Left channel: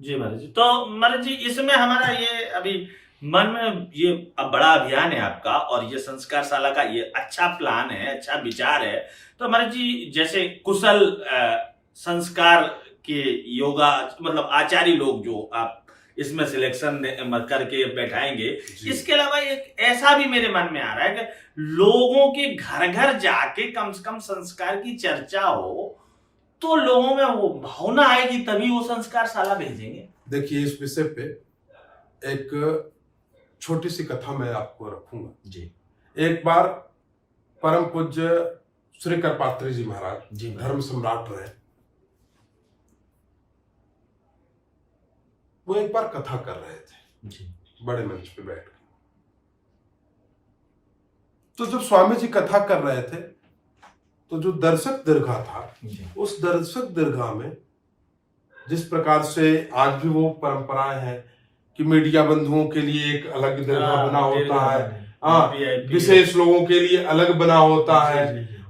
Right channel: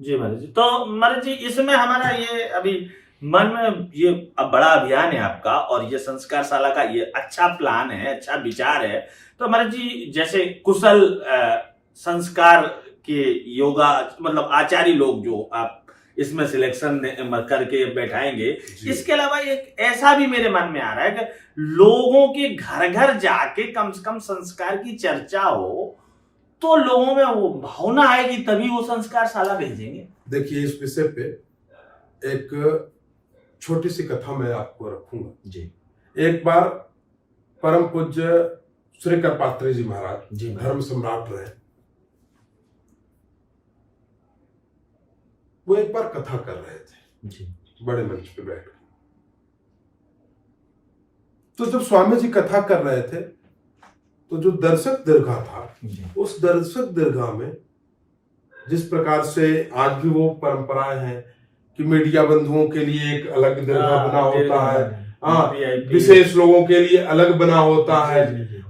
जी महाराज जी। तो महाराज जी इसमें हमारा ये अभी मन में ये अब बड़ा अभियान है आपका और ये संस्कारशाला का ये अच्छा प्लान है, अच्छा विचार है। तो महाराज जी जैसे कुशल संस्कार के योगा मतलब आचार्य लोग जो आप इसमें सिलेक्शन करके बैठाएंगे, इसके अलावा एक ऐसा भी मेरे मन में आ रहा है कि लोगों के घर घर जाके कम से कम संस्कार की चर्चा हो, तो लोगों में वो भावना आएगी तभी वो संस्कारशाला भेजेंगे। देखिए, इस विषय पे एक छोटी सी कथा मैं आपको रखूंगा जी। एक बार परम पूज्य श्री करपात्री जी महाराज जी धर्म सम्राट रहे। वो एक बार कथा कर रहे थे जी। बड़े मंच पे बैठ के। तो जब स्वामी जी कथा कर रहे थे तो जो दर्शक दीर्घा था, उस दर्शक दीर्घा में जिस प्रकार से आज भी वो परंपराएं हैं कि मीडिया बंधुओं के लिए एक अलग दीर्घा बना होता है, विशेष लोगों के लिए अलग बना होता है,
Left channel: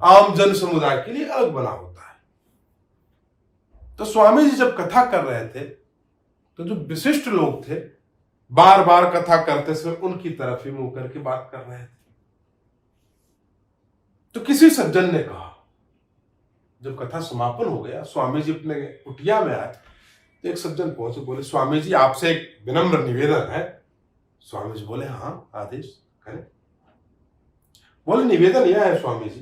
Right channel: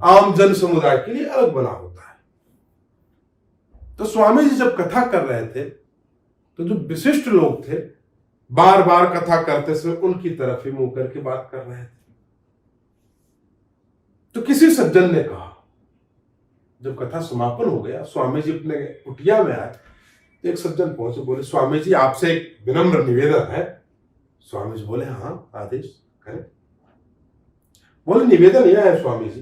आम जन समुदाय के लिए अलग बना होता है। तो स्वामी जी जब कथा कर रहे थे तो जो विशिष्ट लोग थे बार बार कथा करते समय उनकी तरफ ही मुंह करके बात कर रहे थे। तो किसी सज्जन ने कहा, जब कथा समापन हो गया, स्वामी जी अपने कुटिया में आए तो एक सज्जन पहुंचे, बोले स्वामी जी आपसे एक विनम्र निवेदन है। स्वामी जी बोले हाँ आदेश करें। बोले निवेदन यह है स्वामी जी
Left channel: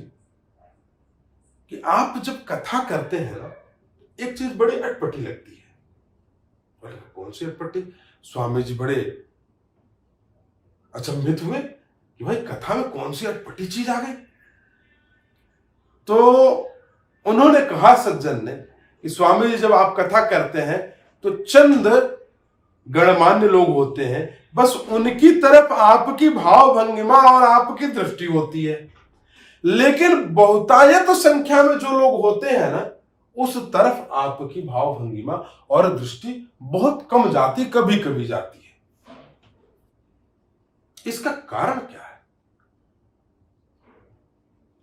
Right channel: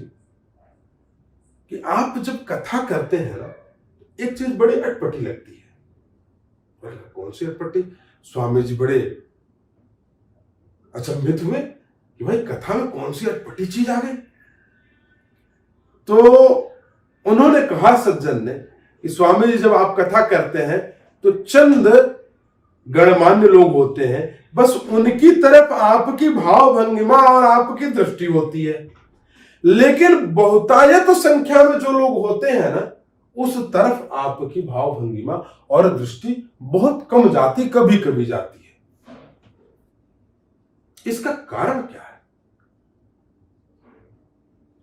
कि आप जब कथा करते हैं ना, एक चीज बड़ी अटपटी लगती है। बोले कौन सी अटपटी? स्वामी जी बड़े अचंभित हुए कि भाई कथा में कौन सी अटपटी चीज आ गई। तो उन्होंने कहा सज्जन ने कि स्वामी जी जब आप कथा करते हैं तो चंद गणमान्य लोग होते हैं, बस उनकी तरफ आपकी भाव भंगिमा और आपकी दृष्टि होती है, लेकिन बहुतायत संख्या में जो लोग होते हैं ना, उस तरफ आपकी भाव भंगिमा और दृष्टि बहुत कम जाती, कभी कभी जाती है। इसका कारण क्या है?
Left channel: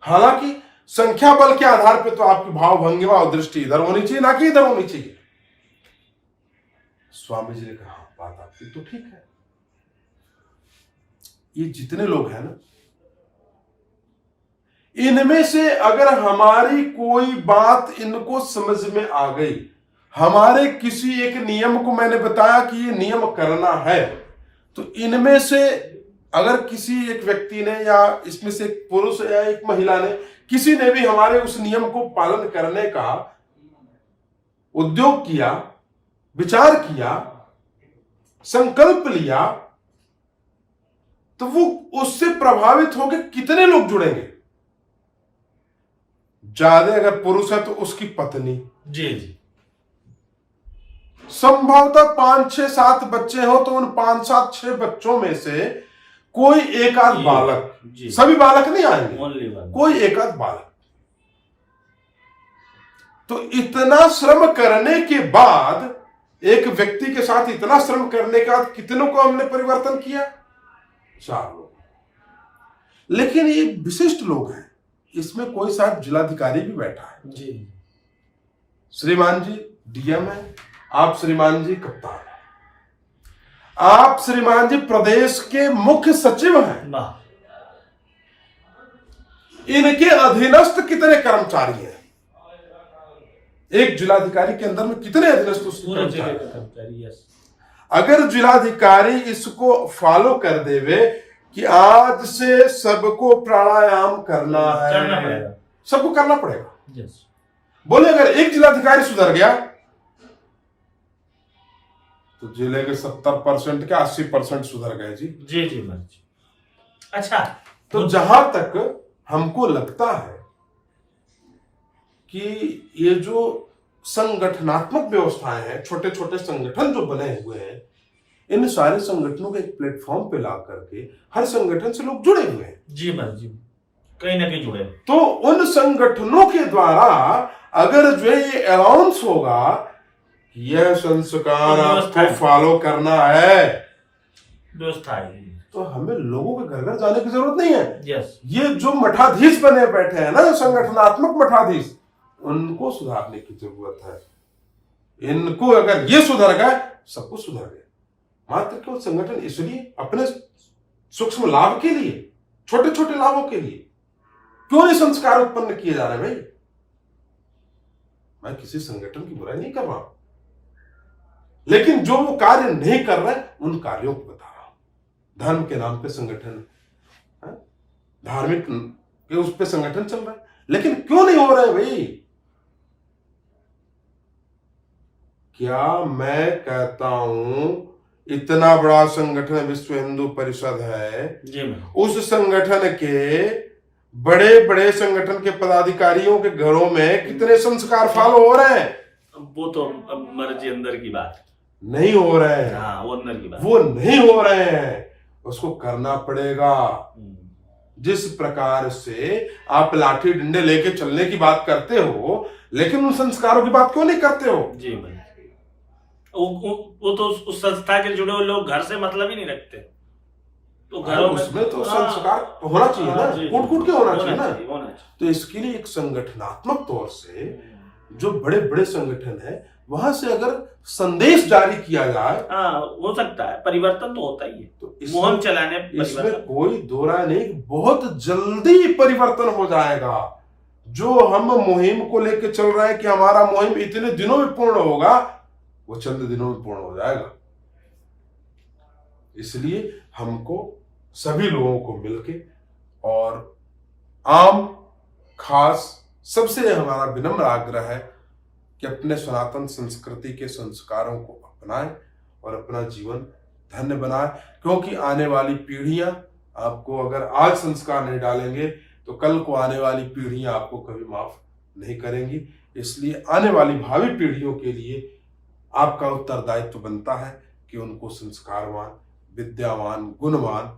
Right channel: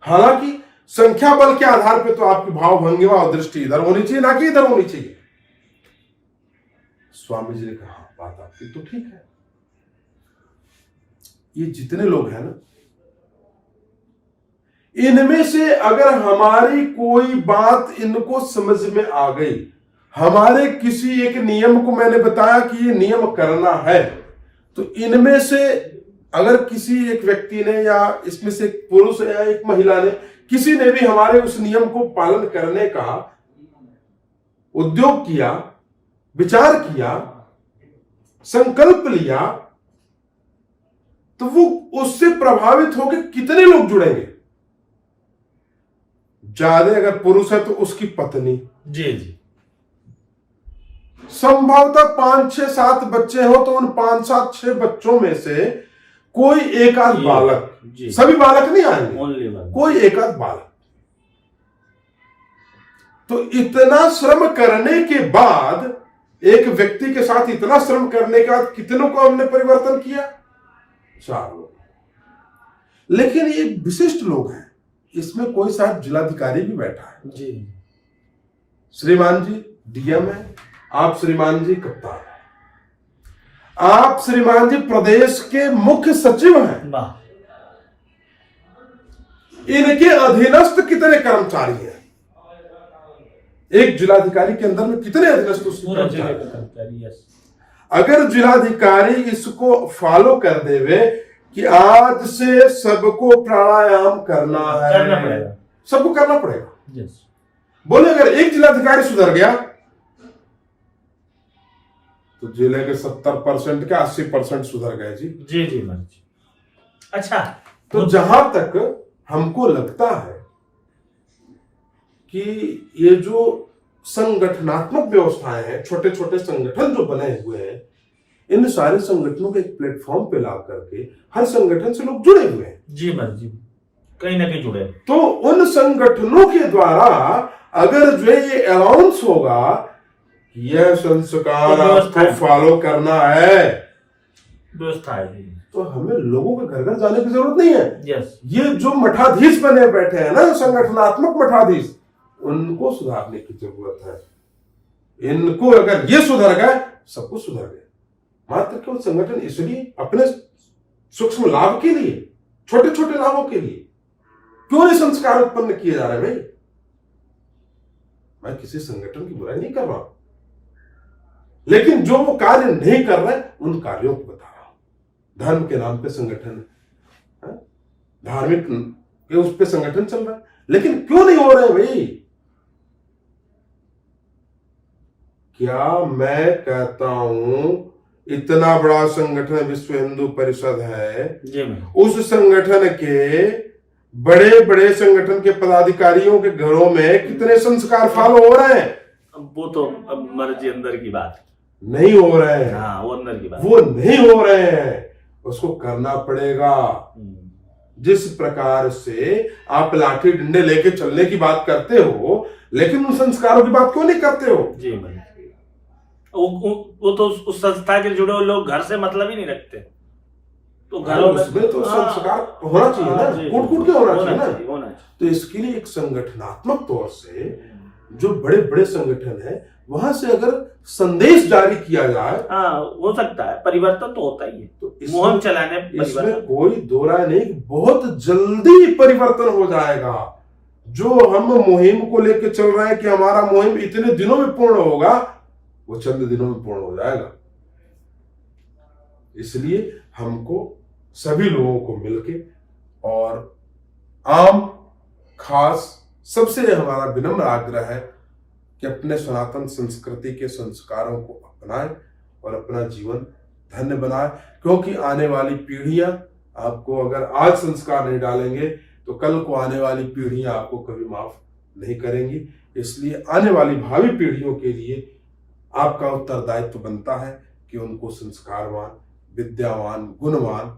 हालांकि संख्या बल के आधार पर तो आपकी भाव भंगिमा और दृष्टि इधर होनी चाहिए, ना कि इधर होनी चाहिए। स्वामी जी ने कहा बात आपकी तो ठीक है। ये जितने लोग हैं ना, इनमें से अगर हमारी कोई बात इनको समझ में आ गई, हमारे किसी एक नियम को मैंने बताया कि ये नियम करना है, तो इनमें से अगर किसी एक व्यक्ति ने या इसमें से एक पुरुष या एक महिला ने, किसी ने भी हमारे उस नियम को पालन करने का उद्योग किया, विचार किया, संकल्प लिया, तो वो उससे प्रभावित होकर कितने लोग जुड़ेंगे? ज्यादा अगर पुरुष है तो उसकी पत्नी, जी जी, संभवतः 5 6 7 बच्चे हो तो उन 5 7 6 बच्चों में से कोई एक आध बालक, सभी बालक नहीं आएंगे, कोई एक आध बालक। तो इतना श्रम करने के बाद, एक व्यक्ति के साथ इतना श्रम करने के बाद कितनों को हमने परिवर्तन किया? 4 लोग। लेकिन ये विशिष्ट लोग हैं, इसमें कोई साहब जिलाधिकारी भी बैठा है जी, श्रीमान जी डीएम है, आप श्रीमान जी कप्तान है, आप श्रीमान जी प्रदेश के मुख्य सचिव हैं, इनके अधीनस्थ कितने कर्मचारी हैं? एक जिलाधिकारी के अंदर में कितने अधीनस्थ कर्मचारी? अगर जिलाधिकारी इसको फॉलो कर देवे कि आज से सबको प्राणायाम करना है, सबको करना पड़ेगा। बोले अगर एक जिलाधिकारी सुधर गया तो जिले के 70% के 80% सुधर गए जी। जी जी जी। अच्छा, तो जहां तक हमको लगता है कि ये जो संगठनात्मक व्यवस्थाएं हैं, छोटे छोटे संगठन जो बने हुए हैं, इन सारे संगठनों को एक प्लेटफॉर्म पे ला करके हर संगठन से लोग जुड़े हुए हैं। जी जी, कहीं ना कहीं जुड़े। तो उन संगठनों के द्वारा अगर जो ये अनाउंस होगा यह संस्कार आपको फॉलो करना है, व्यवस्था है, तो हमें लोगों के घर घर जाने की जरूरत नहीं है। यस। ये जो मठाधीश बने बैठे हैं ना, संगठनात्मक मठाधीश, उनको सुधारने की जरूरत है। इनको अगर ये सुधर गए सब कुछ सुधर गया। मात्र केवल संगठन इसलिए अपने सूक्ष्म लाभ के लिए, छोटे छोटे लाभों के लिए क्यों नहीं संस्कार उत्पन्न किए जा रहे भाई? मैं किसी संगठन की बुराई नहीं कर रहा हूं, लेकिन जो वो कार्य नहीं कर रहे उन कार्यों को बता रहा हूं। धर्म के नाम पे संगठन, धार्मिक के उस पे संगठन चल रहा है, लेकिन क्यों नहीं हो रहे भाई? क्या मैं कहता हूं इतना बड़ा संगठन विश्व हिंदू परिषद है, उस संगठन के बड़े बड़े संगठन के पदाधिकारियों के घरों में कितने संस्कार फॉलो हो रहे हैं? वो तो मर्जी अंदर की बात है, नहीं हो रहे हैं। हाँ, वो अंदर की बात, वो नहीं हो रहे हैं, उसको करना पड़ेगा। जिस प्रकार से आप लाठी डंडे लेके चलने की बात करते हो, लेकिन उन संस्कारों की बात क्यों नहीं करते हो? जी भाई, वो तो उस संस्था के जुड़े हुए लोग घर से मतलब ही नहीं रखते, तो घरों में उसमें तो संस्कार होना चाहिए ना, कूट कूट के होना चाहिए ना। तो इसके लिए एक संगठनात्मक तौर से जो बड़े बड़े संगठन है वहां से अगर संदेश जारी किया जाए, हो सकता है परिवर्तन तो होता ही है। तो मुहिम चलाने इसमें कोई दो राय नहीं, बहुत जल्दी परिवर्तन हो जाएगा। जो हम मुहिम को लेकर चल रहे हैं कि हमारा मुहिम इतने दिनों में पूर्ण होगा, वो चंद दिनों में पूर्ण हो जाएगा। इसलिए हमको सभी लोगों को मिलके और आम खास सबसे हमारा विनम्र आग्रह है कि अपने सनातन संस्कृति के संस्कारों को अपनाएं और अपना जीवन धन्य बनाएं, क्योंकि आने वाली पीढ़ियां आपको अगर आज संस्कार नहीं डालेंगे तो कल को आने वाली पीढ़ियां आपको कभी माफ नहीं करेंगी। इसलिए आने वाली भावी पीढ़ियों के लिए आपका उत्तरदायित्व बनता है कि उनको संस्कारवान, विद्यावान, गुणवान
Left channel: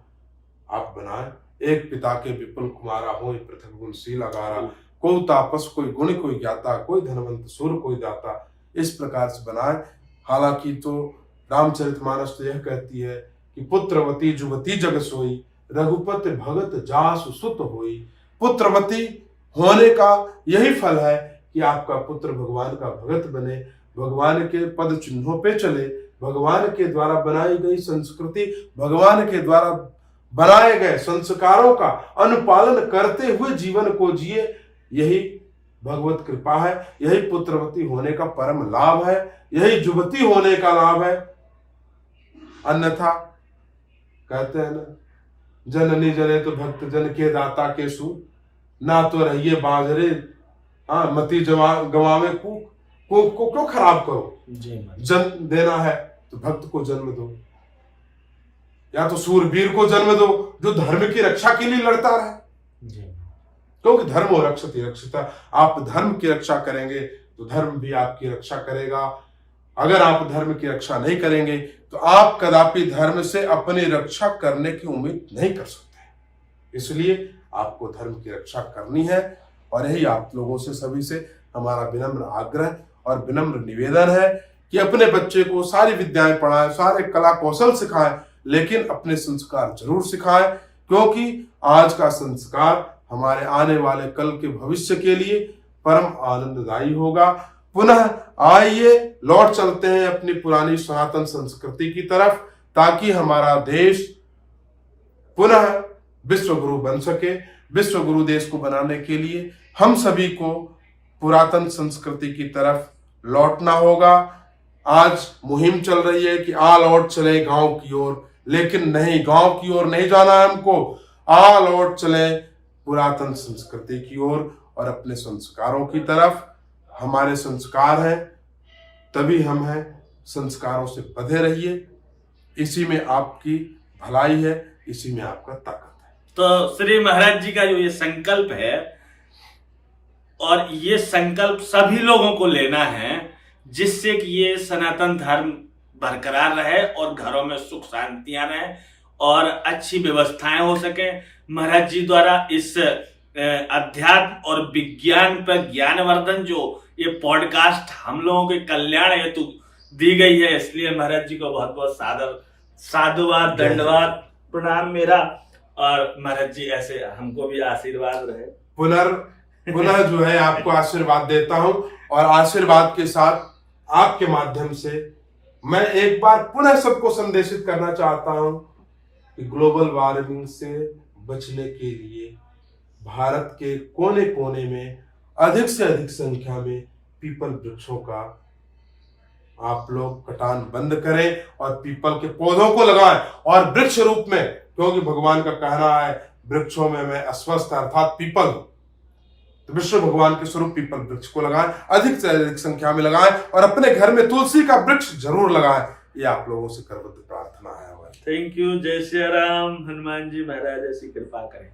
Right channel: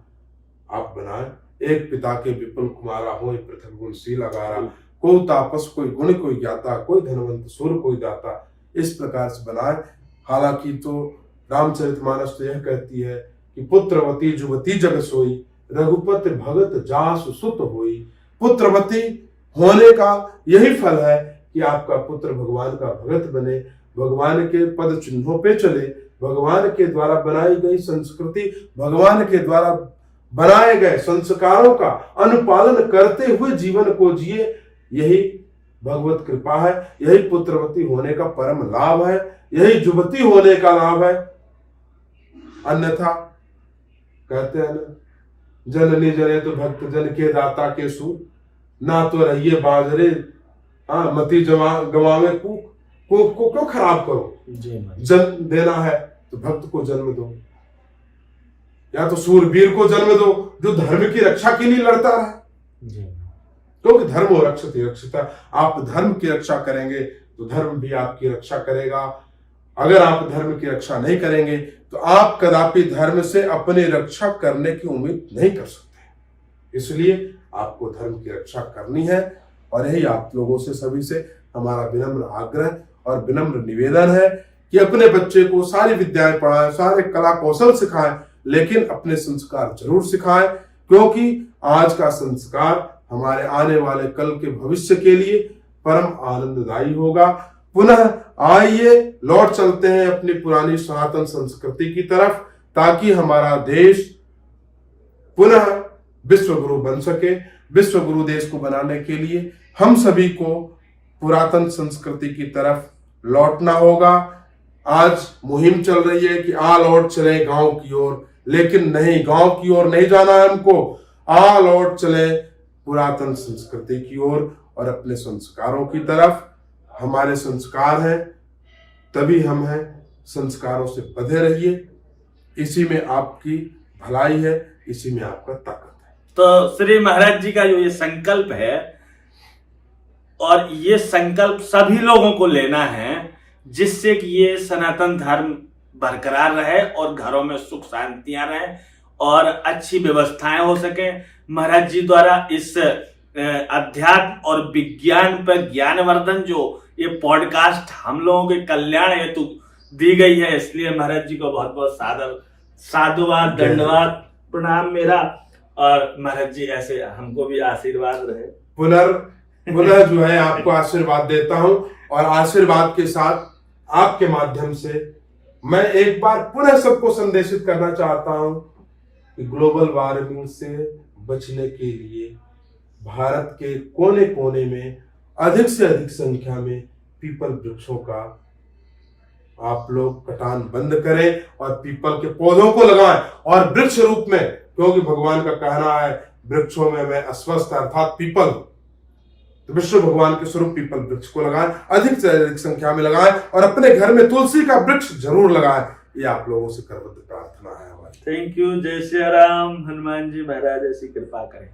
आप बनाएं। एक पिता के विपुल कुमारा हो पृथक गुणशील अगारा, कोई तापस कोई गुण कोई ज्ञाता, कोई धनवंत सुर कोई दाता, इस प्रकार से बनाए। हालांकि तो रामचरितमानस तो यह कहती है कि पुत्रवती जुवती जग सोई, रघुपति भगत जासु सुत होई। पुत्रवती होने का यही फल है कि आपका पुत्र भगवान का भगत बने, भगवान के पद चिन्हों पे चले, भगवान के द्वारा बनाई गई संस्कृति, भगवान के द्वारा बनाए गए संस्कारों का अनुपालन करते हुए जीवन को जिए। यही भगवत कृपा है, यही पुत्रवती होने का परम लाभ है, यही जुवती होने का लाभ है। अन्यथा कहते हैं ना, जननी जने तो भक्त जन के दाता के सू, ना तो रहिए बांझरे मती गवावे कूक को क्यों खराब करो? जन्म देना है तो भक्त को जन्म दो, या तो सूरवीर को जन्म दो जो धर्म की रक्षा के लिए लड़ता रहे, क्योंकि धर्म और रक्षति रक्षिता। आप धर्म की रक्षा करेंगे तो धर्म भी आपकी रक्षा करेगा। अगर आप धर्म की रक्षा नहीं करेंगे तो आप कदापि धर्म से अपनी रक्षा करने की उम्मीद नहीं कर सकते। इसलिए आपको धर्म की रक्षा करनी है, और यही आप लोगों से सभी से हमारा विनम्र आग्रह और विनम्र निवेदन है कि अपने बच्चे को सारी विद्याएं पढ़ाएं, सारे कला कौशल सिखाएं, लेकिन अपने संस्कार जरूर सिखाएं, क्योंकि आज का संस्कार हमारे आने वाले कल के भविष्य के लिए परम आनंददायी होगा। पुनः आइए लौट चलते हैं अपनी पुरानी सनातन संस्कृति की तरफ, ताकि हमारा देश पुनः विश्व गुरु बन सके। विश्व गुरु देश को बनाने के लिए हम सभी को पुरातन संस्कृति की तरफ लौटना होगा। आज मुहिम चल रही है कि आ लौट चले गांव की ओर, लेकिन नहीं, गांव की ओर नहीं जाना है हमको। आ लौट चले पुरातन संस्कृति की ओर और अपने संस्कारों की तरफ। हमारे संस्कार हैं तभी हम हैं, संस्कारों से बंधे रहिए। इसी में आपकी भलाई है, इसी में आपका ताकत है। तो श्री महाराज जी का जो ये संकल्प है, और ये संकल्प सभी लोगों को लेना है, जिससे कि ये सनातन धर्म बरकरार रहे और घरों में सुख शांतियां रहे और अच्छी व्यवस्थाएं हो सके। महाराज जी द्वारा इस अध्यात्म और विज्ञान पर ज्ञानवर्धन जो ये पॉडकास्ट हम लोगों के कल्याण हेतु दी गई है, इसलिए महाराज जी को बहुत बहुत साधुवाद, दंडवाद, प्रणाम मेरा। और महाराज जी ऐसे हमको भी आशीर्वाद रहे। पुनः जो है आपको आशीर्वाद देता हूं, और आशीर्वाद के साथ आपके माध्यम से मैं एक बार पुनः सबको संदेशित करना चाहता हूं कि ग्लोबल वार्मिंग से बचने के लिए भारत के कोने कोने में अधिक से अधिक संख्या में पीपल वृक्षों का आप लोग कटान बंद करें और पीपल के पौधों को लगाएं और वृक्ष रूप में, क्योंकि भगवान का कहना है वृक्षों में मैं अस्वस्थ अर्थात पीपल, तो विश्व भगवान के स्वरूप पीपल वृक्ष को लगाएं, अधिक से अधिक संख्या में लगाएं और अपने घर में तुलसी का वृक्ष जरूर लगाएं। ये आप लोगों से करबद्ध प्रार्थना है हमारी। Thank you. जय श्री राम। हनुमान जी महाराज ऐसी कृपा करें।